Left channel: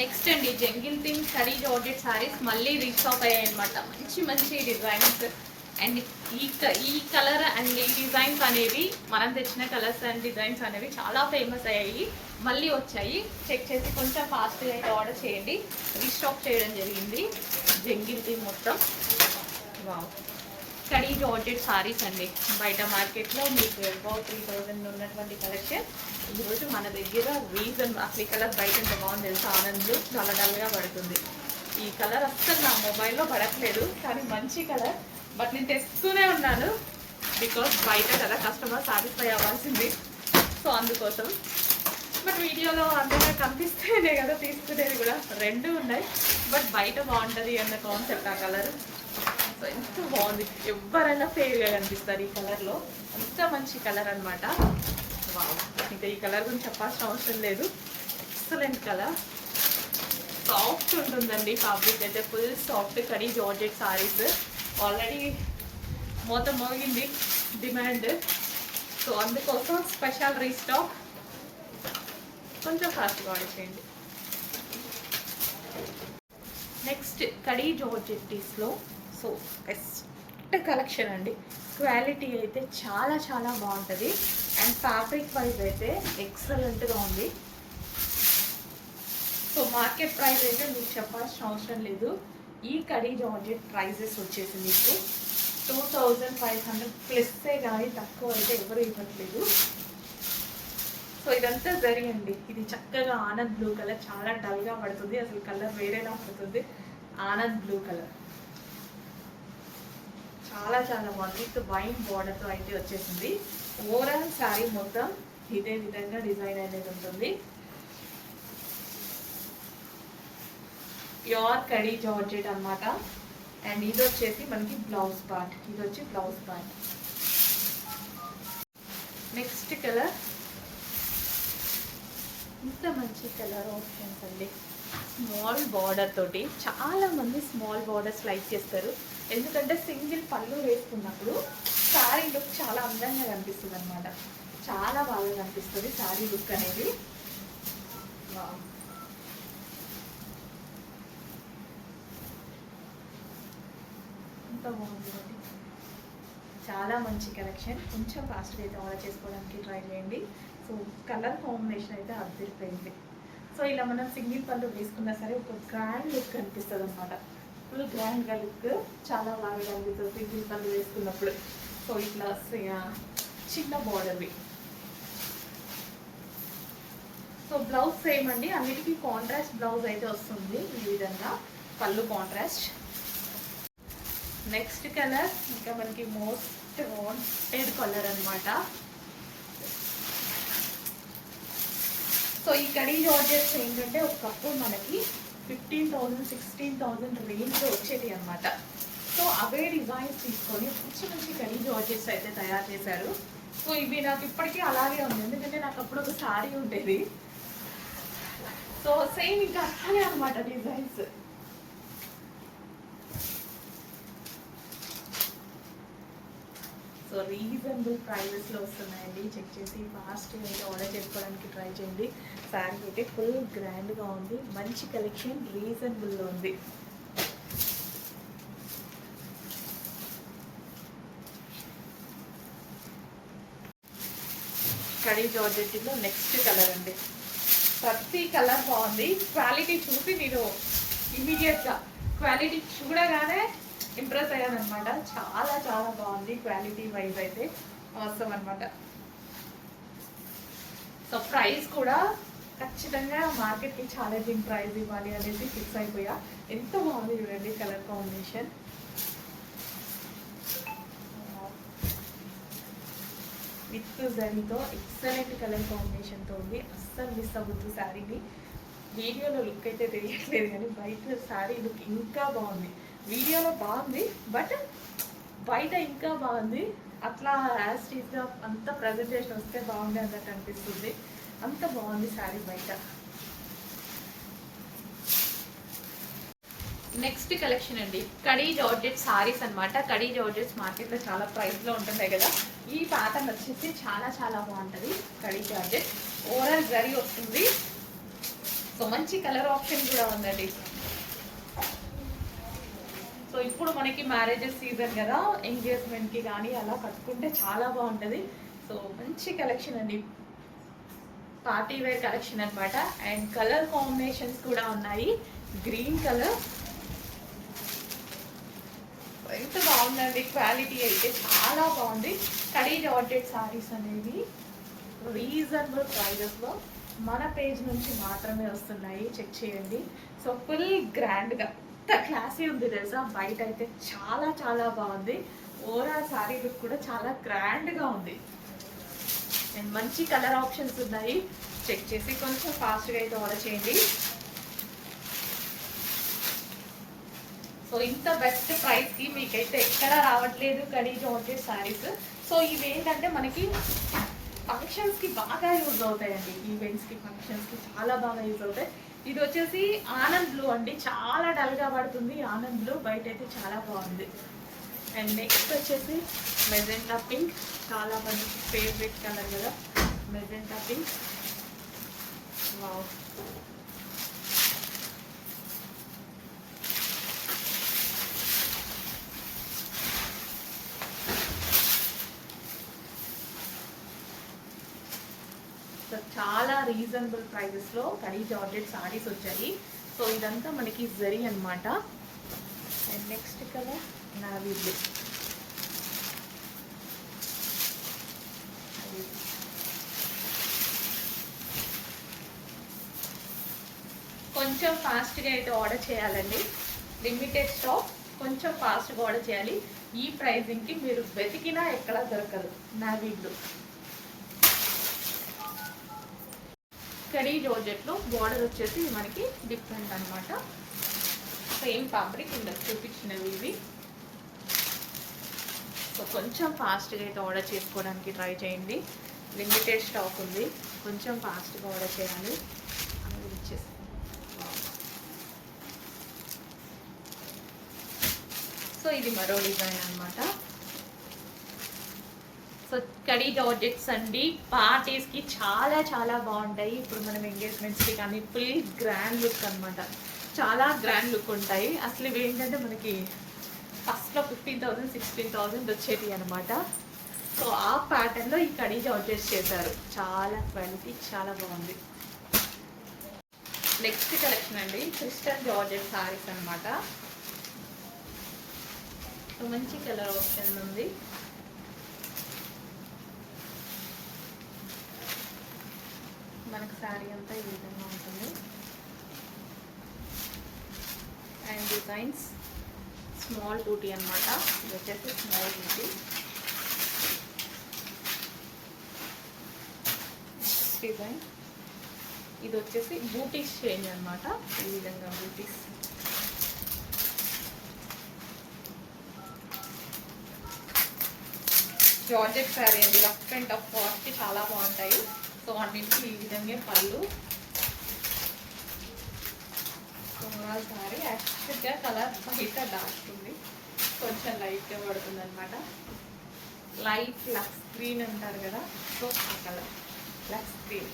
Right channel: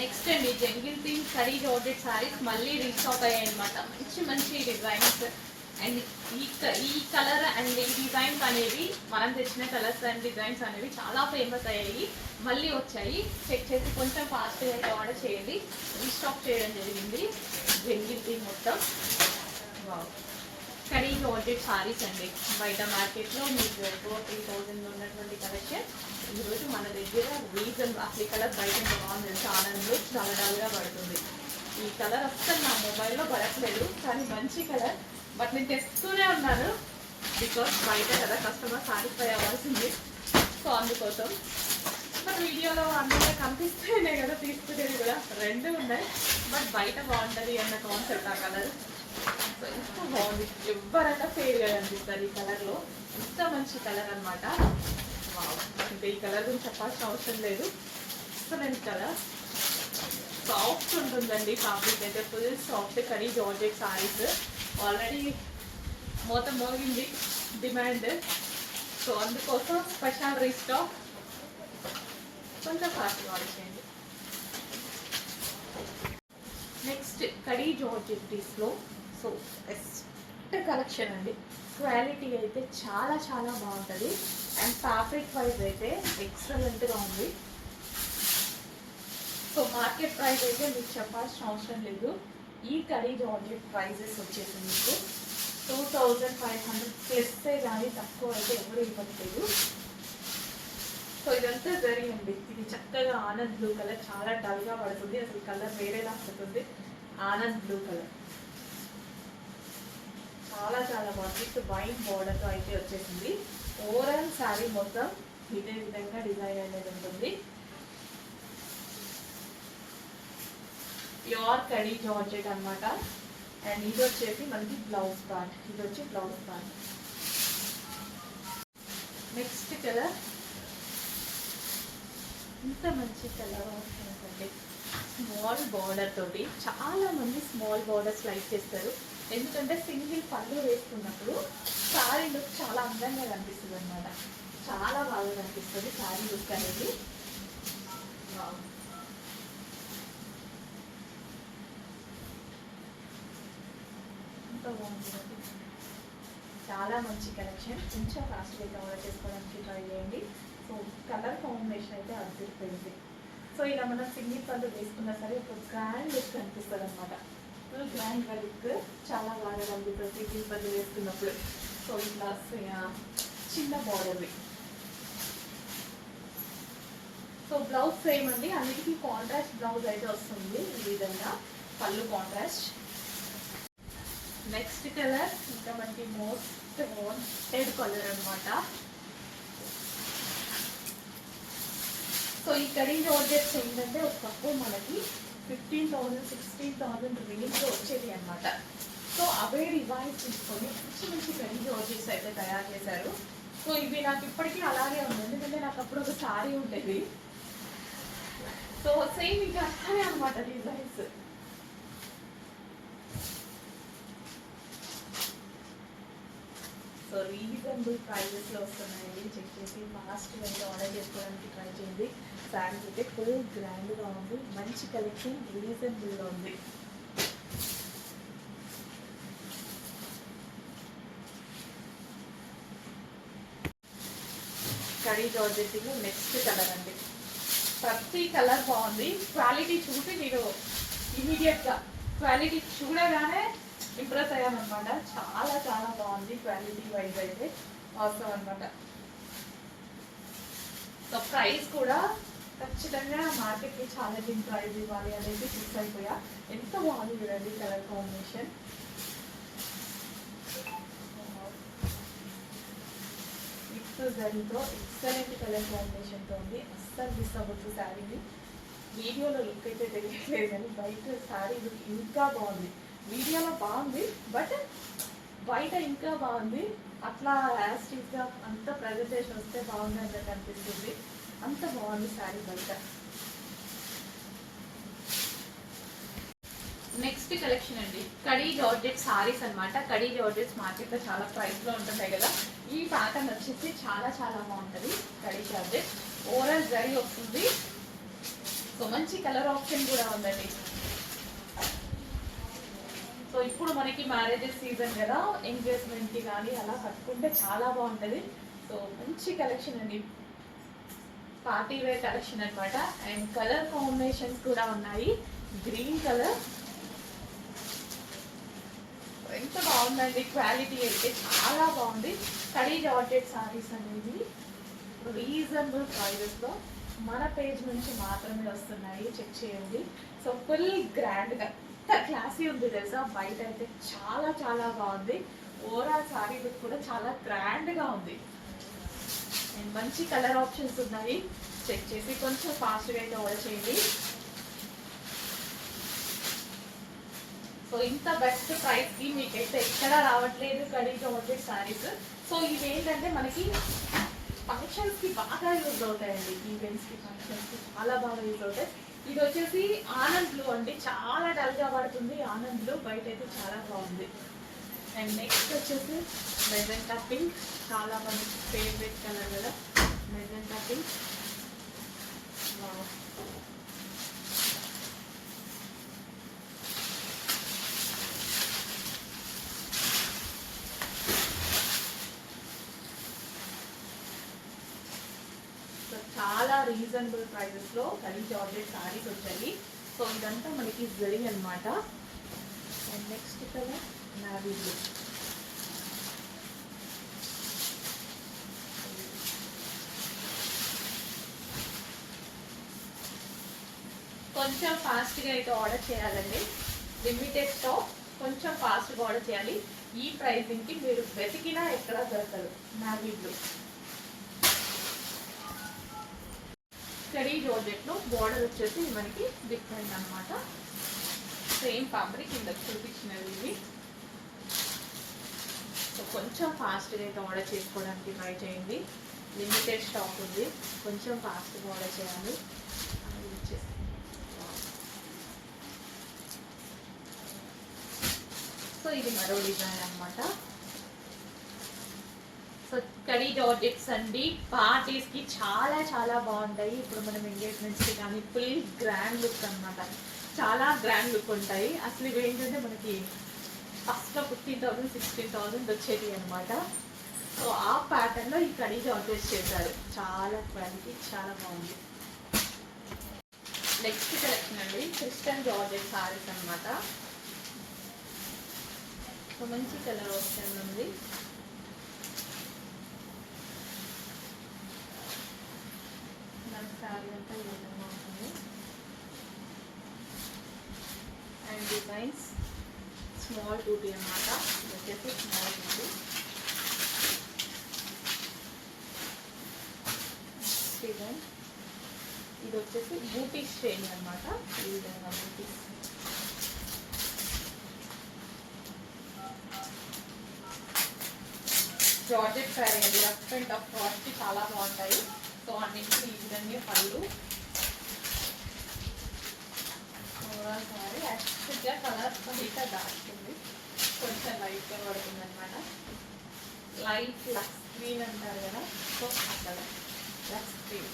Next అండి jungle thing khadi georgette saris మళ్ళీ restock అయ్యాయి అనమాట. మంచి మంచి డిజైన్స్ అండ్ ఈ కలర్ అండ్ ఈ డిజైన్స్ అనేవి మనం తెచ్చిన కలర్స్ అండ్ డిజైన్స్ అనేవి చాలా ఫేమస్ అయ్యాయి, మళ్ళీ వచ్చాయి. చెక్ చేసి కొంచెం ఫాస్ట్గా అయితే ఆర్డర్ చేయండి. రీస్టాక్ చేయడం జరిగింది జంగిల్ థింగ్ మొత్తం. వావ్, కడీ జార్జెట్ సారీస్ అండి. బయట మార్కెట్లో మీకు ఎక్కువ 3000 ఉన్నటువంటి కలెక్షన్ ఈరోజు మన దగ్గర రీజన్. అసలు ఈ కలర్ బయట ఎంత బాగుంది తెలుసు, ఆనంద్లో చాలా డల్గా పడుతుంది. ఈ కలర్ అస్సలు నా మొబైల్లో పడట్లేదు, కానీ మంచి కలర్. బట్ నేను తెస్తూనే ఉన్నాను బికాస్ బయట కదా కస్టమర్ సాటిస్ఫై అవ్వాల్సింది, సో అందుకోసం. బట్ వీడియోలో అందరూ కనిపిస్తేనే కదా తీసుకునేది కూడా, రెండు ఉన్నాయి. బట్ బయట బాగుంటుంది అన్న కాన్సెప్ట్ ఆ కలర్. సో ఎంత బాగుంది, ఎవరైనా ఫేర్గా కనిపిస్తారు ఈ కలర్లో. ఎంత మంచి కలర్ అనమాట. ఇంకా ఈ కలర్ గురించి చెప్పాల్సిన అవసరం లేదు. ఎక్సలెంట్ కలర్, సాఫ్ట్ ఉంటుందండి ఫ్యాబ్రిక్ అయితే, full soft kadi georgette saris. Already మొత్తం మోగింది డిమాండ్, సో అందుకోసం స్పెషల్ రీస్టాక్. కొంచెం ఫాస్ట్గా ఆర్డర్ చేయండి. నెక్స్ట్ కడీ జార్జెట్స్లో సో బెస్ట్ కలెక్షన్ అండి. క్వాలిటీ అయితే చాలా చాలా బాగుంటుంది అండ్ ఫ్యాబ్రిక్ వైజ్ అయితే ఎక్సలెంట్గా ఉంది. సో మార్కెట్ ప్రైస్ అయితే మీకు చెప్పాల్సిన అవసరం లేదు. ఈ కడీ జార్జెట్ ప్రైజెస్ వచ్చేసి మీకు 2500 ప్లస్సే కానీ తక్కువ అయితే ఎవరు ఇవ్వట్లేదు. సో ఇదంతా జరిగింది. ఇది చక్కగా ఆనంద్ బ్లూ కలర్, చాలా డల్గా పడుతుంది, అసలు కలర్ వేరేలా పడుతుంది. ఆనంద్ బ్లూ కలర్ చాలా చాలా బాగుంది. విత్ వైన్ బార్డర్తో అయితే వచ్చేసింది. ఓవరాల్ శారీ మొత్తం ఇదే విధంగా డిజైన్ అనేది ఉంటుంది. ప్యూర్ కడీ జార్జెట్ అన్నమాట. అండ్ ఇది వచ్చేసి మనకి బ్లౌజ్ పార్ట్, ఇది వచ్చి బ్లౌజ్ పార్ట్. నెక్స్ట్ కలర్, ఇంత మంచి కలర్ ఆప్షన్స్ అండి. స్మాల్ బార్డర్ తోటి, చాలా మంది స్మాల్ బార్డర్స్ లైక్ చేస్తారు, ఎందుకంటే సింగిల్ పళ్ళు వేసుకున్నప్పుడు శారీ లుక్ చాలా అందంగా కనిపిస్తుంది అనమాట. చాలా బాగా కనిపిస్తుంది శారీ లుక్ అనేది. ఎంత బాగుంటుంది, చాలా మంచి కలెక్షన్. కొంచెం ఫాస్ట్గా అయితే ఆర్డర్ చేసుకోవడానికి ట్రై చేయండి. సో కలర్ కాంబినేషన్ అయితే అదిరిపోయింది. సో ఇలా మనం సింగిల్ పళ్ళు వేసుకున్నా సరే ఒక గ్రాండ్ లుక్ కనిపిస్తుంది అనమాట. ఫుల్ గ్రాండ్గా లుక్ చాలా బాగా కనిపిస్తుంది సింగిల్ పళ్ళు వేసుకున్నప్పుడు. సో ఇట్లా చిన్న బార్డర్వి. సో బ్లౌజ్ సేమ్ అండి, అన్నిటికీ కాంట్రాస్ట్ బ్లౌజ్ అయితే వస్తుంది ఈ విధంగా, పళ్ళు కాంట్రాస్ట్. నెక్స్ట్ కలర్ ఇంకా మనకి మోస్ట్ వాంటెడ్ కలర్ అనమాట. సో ఈ కడీ జార్జెట్స్ ఏంటంటే ఒకప్పుడు మనకి 15,000 16,000 రేంజ్లో వచ్చేది అనమాట. సో అవే డిజైన్స్ తీసుకొని మంచి మంచి కడీ జార్జెట్స్ అయితే తయారు చేశారు. సో ఇవి నాకు ఇప్పటికీ అలాగే ఉంది, ఎందుకంటే నాకు అప్పుడు ఒక శారీ ఉండేది. సో సేమ్ ఇంకా అలానే అనమాట డిజైన్స్. సో రీజనబుల్ ప్రైజెస్లో వస్తున్నాయండి. చెక్ చేసి ఫాస్ట్గా అయితే ఆర్డర్ చేసుకోవడానికి ట్రై చేయండి. శారీ అయితే ఫుల్ గ్రాండ్గా ఉంది, మంచి కలెక్షన్, రీజనబుల్గా ఉంది. కడీ జార్జెట్లో నెక్స్ట్ కలర్ అండి. ప్రతి కలర్ బాగుంది. క్వాలిటీ చూసి మీరు ఇమీడియట్గా క్వాలిటీ చూడగానే ఇంప్రెస్ అయ్యానమాట. చాలా చాలా బాగుంది క్వాలిటీ వైజ్ అయితే, అవసరం అనమాట. సో ప్రైస్ కూడా ఖచ్చితంగా మార్కెట్కి ఛాలెంజింగ్ ప్రైస్ ఇవ్వాలి అనేది ఫిక్స్ అయిపోయా. ఎంత బాగుంది చూడండి కలర్ కాంబినేషన్. విత్ జరీతో ఎక్సలెంట్ కలర్ కాంబినేషన్తో ఉంది. అస్సలు మిస్ అవ్వద్దు శారీని. వీడియోలో లుక్ అయితే తెలియట్లేదు కానీ బయట శారీ లుక్ ఇంకా బాగుంది. వీడియోలో బాగుంది బట్ బయట ఇంకా బాగుంది. అట్లా యాస్టీస్గా అంత ప్రజెంటేషన్ వస్తే బాగుంది అన్నట్టు అనిపిస్తుంది. అంత బాగుంది శారీ బయట. నెక్స్ట్ కలెక్షన్ అండి, కడీ జార్జెట్ సారీస్ అనమాట. కడీ జార్జెట్స్ మార్కెట్లో చాలా ప్రైస్లో ఉంటుంటాయి కదా, ఈ ప్యాటర్న్ వచ్చేసి చాలా చాలా బాగుంటుంది. కడీ జార్జెట్ ఓవరాల్ జరీ వస్తుంది. సో మంచి కలర్ ఆప్షన్ కూడా ఉందండి. సో ఇప్పుడు మనకి మ్యారేజెస్ సీజన్ కదా, ఎంగేజ్మెంట్కి కానీ అలా కట్టుకుంటే చాలా బాగుంటుంది. సో మంచి కలెక్షన్ అండి, పార్టీ వేర్ కలెక్షన్ అనమాట. అండ్ కలర్ కాంబినేషన్స్ కూడా ఉన్నాయి. గ్రీన్ కలర్ ఎంత బాగుందండి, క్వాలిటీ అయితే చాలా బాగుంది. కడీ జార్జెట్ సారీస్ అనేది రీజనబుల్ ప్రైజెస్లో మన పేజ్ నుంచి మాత్రమే వస్తున్నాయి, చెక్ చేయండి. సో ఫుల్ గ్రాండ్గా ఎంత క్లాసీ ఉంది తెలుసా, బయట అయితే చాలా చాలా బాగుంది. ఓవరాల్ సారీ లుక్ కూడా చాలా గ్రాండ్గా ఉంది. అండ్ మంచి కలర్ ఆప్షన్స్ ఉన్నాయి, చెక్ చేసి కొంచెం ఫాస్ట్గా అయితే ఆర్డర్ చేయండి. సో ఇంత బెస్ట్ ప్రైస్కి మీకైతే ఎక్కడ రావట్లేదు కడీ జార్జెట్ సారీస్. సో ఇవి ఏంటంటే మనకి ఫంక్షన్స్కి బాగా యూజ్ అవుతాయండి, ఈవెంట్స్కి ఫంక్షన్స్కి చాలా బాగా యూజ్ అవుతాయి. ఇది వచ్చేసి ఆనంద్ బ్లూ అండి, చాలా డల్గా పడుతుంది ఆనంద్ బ్లూ, బయట అయితే చాలా బాగుంది. అండ్ నెక్స్ట్ వచ్చేసి మెజెంటా పింక్, చాలా మంది ఫేవరెట్ కలర్ కదా మెజెంటా పింక్. సో చాలా రీజనబుల్ ప్రైజెస్లో కడీ జార్జెట్ సారీస్ వచ్చాయి. సో ఇదంతా మనకి జరీ అనమాట. And next colour navy blue. కొంచెం ఫాస్ట్గా అయితే ఆర్డర్ చేయాలండి, లిమిటెడ్ స్టాక్, కొంచెం ఫాస్ట్గా ఆర్డర్ చేయాలి. ఈ ప్రైజింగ్కి మీరు వెతికినా ఎక్కడ దొరకదు. నావీ బ్లూ కడీ జార్జెట్లో బార్డర్ వచ్చేసి మనకి డిఫరెంట్ అనమాట. సేమ్ ఫ్యాబ్రిక్ ఇందులో చూపించినవి ఇవి. సో కొంచెం ఫాస్ట్గా అయితే ఆర్డర్ చేసుకోవడానికి ట్రై చేయండి, లిమిటెడ్ స్టాక్ ఉంది, కొంచెం ఫాస్ట్గా ఆర్డర్ చేయాలి. సో ఇది మరో డిజైన్ అనమాట. సో కడీ జార్జెట్స్ అండి, పార్టీస్కి చాలా చాలా బాగుంటాయి. ఇప్పుడు మనం ఎంగేజ్మెంట్స్కి కానీ ఫుల్ గ్రాండ్ లుక్ అనమాట, చాలా గ్రాండ్ లుక్ ఉంటాయి. అసలు ఇవి ఏంటంటే మనకి ఫస్ట్లో 15,000 16,000 వచ్చేది అనమాట. సో ఆ ప్యాటర్న్లో ఈ కడీ జార్జెట్స్ చేశారు, చాలా క్వాలిటీ చాలా బాగుంది. నెక్స్ట్ కలెక్షన్ అండి, క్రిస్టల్ జార్జెట్ సారీస్ అనమాట. సో మంచి కలర్ ఆప్షన్ ఉంది. మనకి శారీ అంతా ఈ విధంగా ఉంటుంది. అండ్ డిజైన్స్ స్మాల్ టూటీ అనమాట, ఇది వచ్చేసి స్మాల్ టూటీ. డిజైన్ ఇది వచ్చేసి బూటీస్ చేంజ్ అనమాట, ఈ విధంగా బూటీస్. జార్జెట్ శారీ అండి, రఫ్ అండ్ టఫ్ కాస్ట్కి చాలా బాగుంటాయి. సో అన్నింటికి ఈ విధంగా పళ్ళు. సారీ యాక్చువల్గా కలర్ బయట డార్క్ ఉంది, కొంచెం లైట్గా పడుతుంది అనమాట. లైట్ లక్స్ గ్రీన్ అంటారు కదా, సో ఆ కలర్ లక్స్ గ్రీన్.